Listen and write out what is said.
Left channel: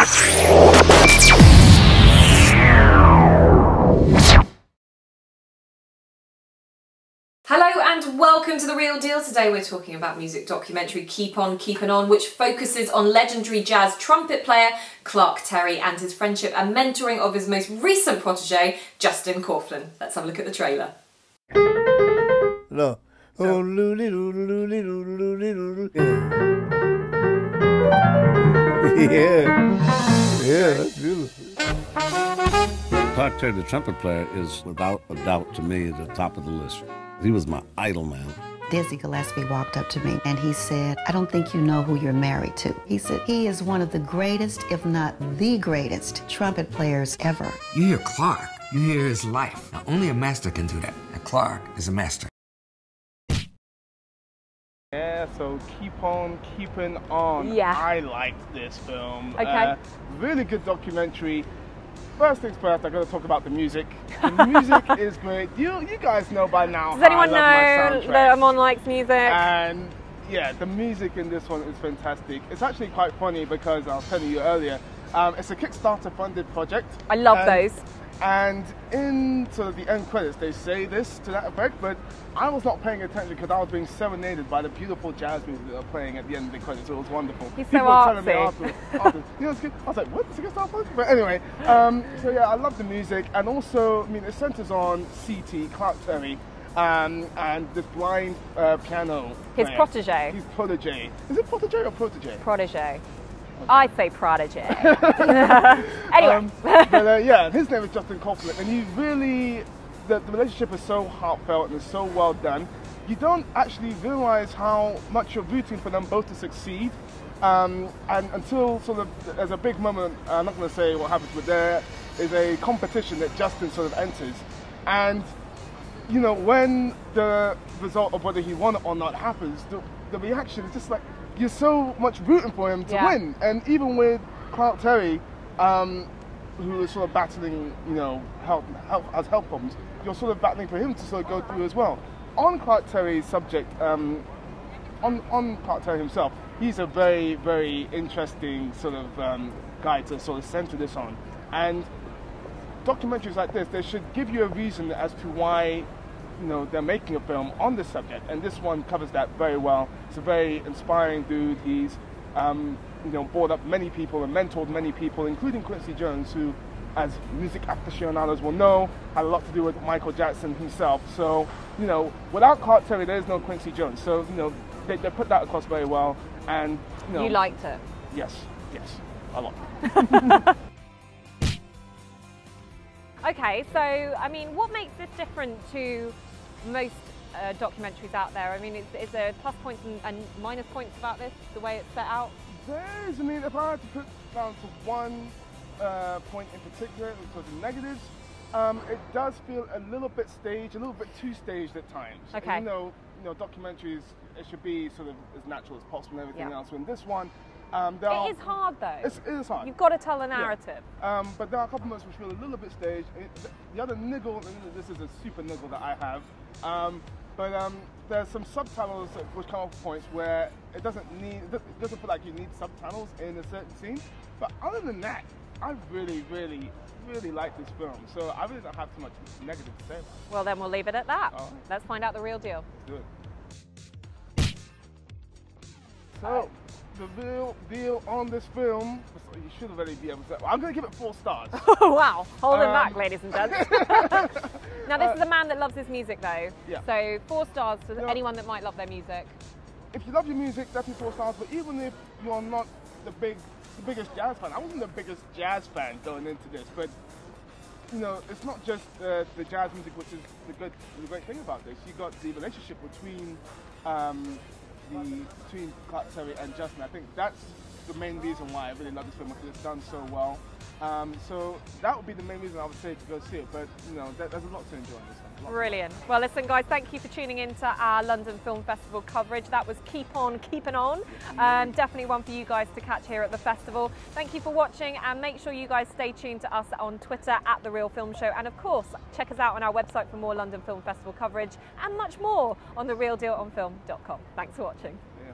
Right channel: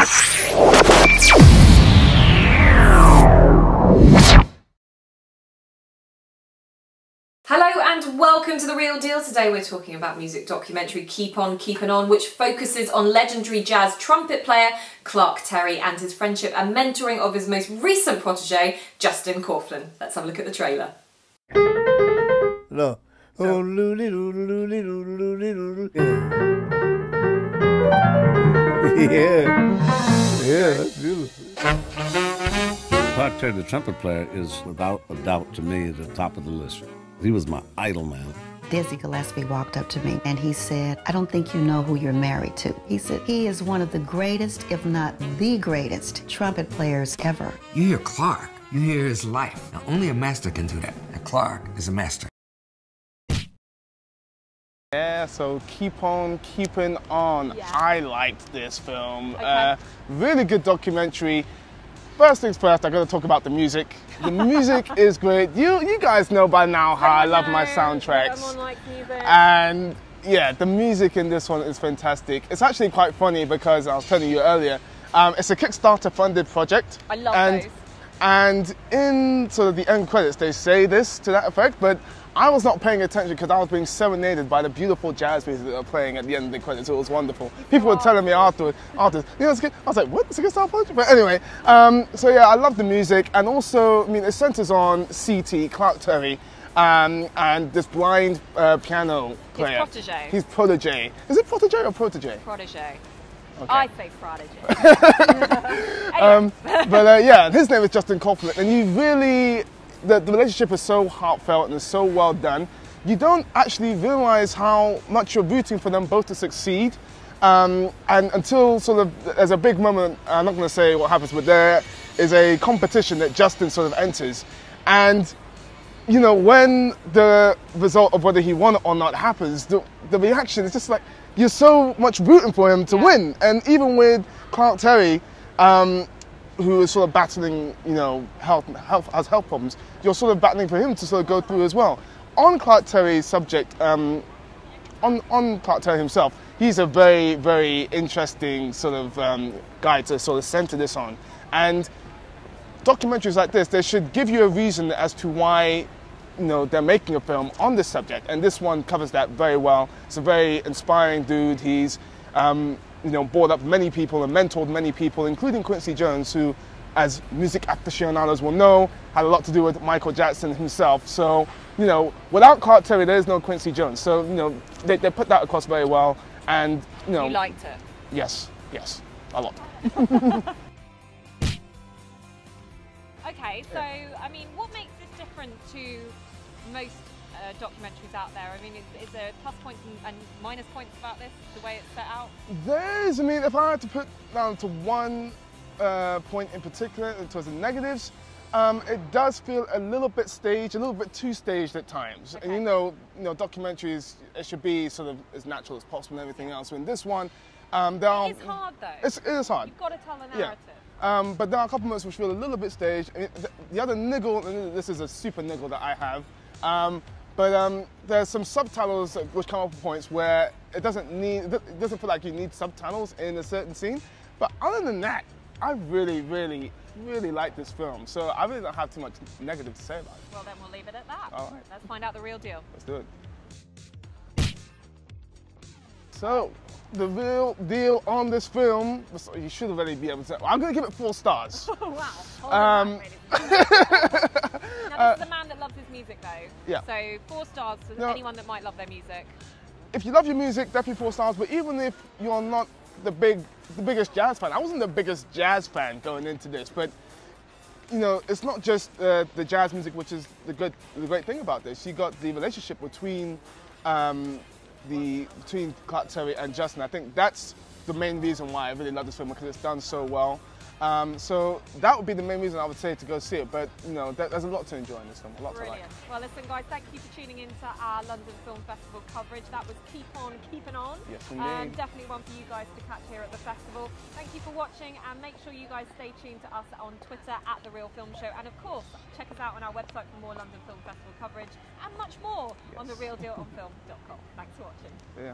Hello and welcome to The Real Deal. Today we're talking about music documentary Keep On Keepin On, which focuses on legendary jazz trumpet player Clark Terry and his friendship and mentoring of his most recent protege, Justin Kauflin. Let's have a look at the trailer. No. Yeah, that's beautiful. Clark Terry, the trumpet player, is without a doubt to me at the top of the list. He was my idol, man. Dizzy Gillespie walked up to me and he said, "I don't think you know who you're married to." He said, "He is one of the greatest, if not the greatest, trumpet players ever." You hear Clark, you hear his life. Now, only a master can do that. And Clark is a master. Yeah, so Keep On Keepin On. Yeah. I liked this film. Okay. Really good documentary. First things first, I got to talk about the music. The music is great. You guys know by now how I love my soundtracks. That I'm on like music. And yeah, the music in this one is fantastic. It's actually quite funny because I was telling you earlier, it's a Kickstarter funded project. I love those. And in sort of the end credits, they say this to that effect, but I was not paying attention because I was being serenaded by the beautiful jazz music that they were playing at the end of the credits. It was wonderful. People were telling me afterwards, you know, it's good. I was like, what? It's a Kickstarter project? But anyway, so yeah, I love the music, and also, I mean, it centers on CT, Clark Terry, and this blind piano player. His protege. His protege. Is it protege or protege? Protege. Okay. I say prodigy. Anyway. But yeah, his name is Justin Kauflin, and you really, the relationship is so heartfelt and is so well done. You don't actually realize how much you're rooting for them both to succeed, and until sort of there's a big moment. I'm not going to say what happens, but there is a competition that Justin sort of enters, and you know, when the result of whether he won or not happens, the reaction is just like, you're so much rooting for him to win. And even with Clark Terry, who is sort of battling, you know, health problems, you're sort of battling for him to sort of go through as well. On Clark Terry's subject, on Clark Terry himself, he's a very, very interesting sort of guy to sort of center this on. And documentaries like this, they should give you a reason as to why, you know, they're making a film on this subject, and this one covers that very well. It's a very inspiring dude. He's, you know, brought up many people and mentored many people, including Quincy Jones, who, as music aficionados will know, had a lot to do with Michael Jackson himself. So, you know, without Clark Terry, there's no Quincy Jones. So, you know, they put that across very well, and, you know. You liked it? Yes, a lot. Okay, so, I mean, what makes this different to most documentaries out there? I mean, is there plus points and minus points about this, the way it's set out? There's, I mean, if I had to put down to one point in particular in terms of negatives, it does feel a little bit staged, a little bit too staged at times. Okay. And you know, documentaries, it should be sort of as natural as possible and everything else. In this one, it is hard though. It is hard. You've got to tell the narrative. Yeah. But there are a couple moments which feel a little bit staged. I mean, the other niggle, and this is a super niggle that I have, but there's some subtitles which come up with points where it doesn't feel like you need subtitles in a certain scene. But other than that, I really, really, really like this film. So I really don't have too much negative to say about it. Well, then we'll leave it at that. All right. Let's find out the real deal. Let's do it. So, the real deal on this film, you should already be able to. I'm going to give it 4 stars. Wow, hold it back, ladies and gentlemen. Now, this is a man that loves his music, though. Yeah. So 4 stars to anyone that might love their music. If you love your music, definitely 4 stars. But even if you're not the biggest jazz fan, I wasn't the biggest jazz fan going into this, but you know, it's not just the jazz music, which is the great thing about this. You got the relationship between between Clark Terry and Justin. I think that's the main reason why I really love this film, because it's done so well. So that would be the main reason I would say to go see it. But you know, there's a lot to enjoy in this film. Brilliant. Well, listen, guys, thank you for tuning into our London Film Festival coverage. That was Keep On Keepin On. Yes, definitely one for you guys to catch here at the festival. Thank you for watching, and make sure you guys stay tuned to us on Twitter at The Real Film Show, and of course, check us out on our website for more London Film Festival coverage and much more on therealdealonfilm.com. Thanks for watching. Yeah.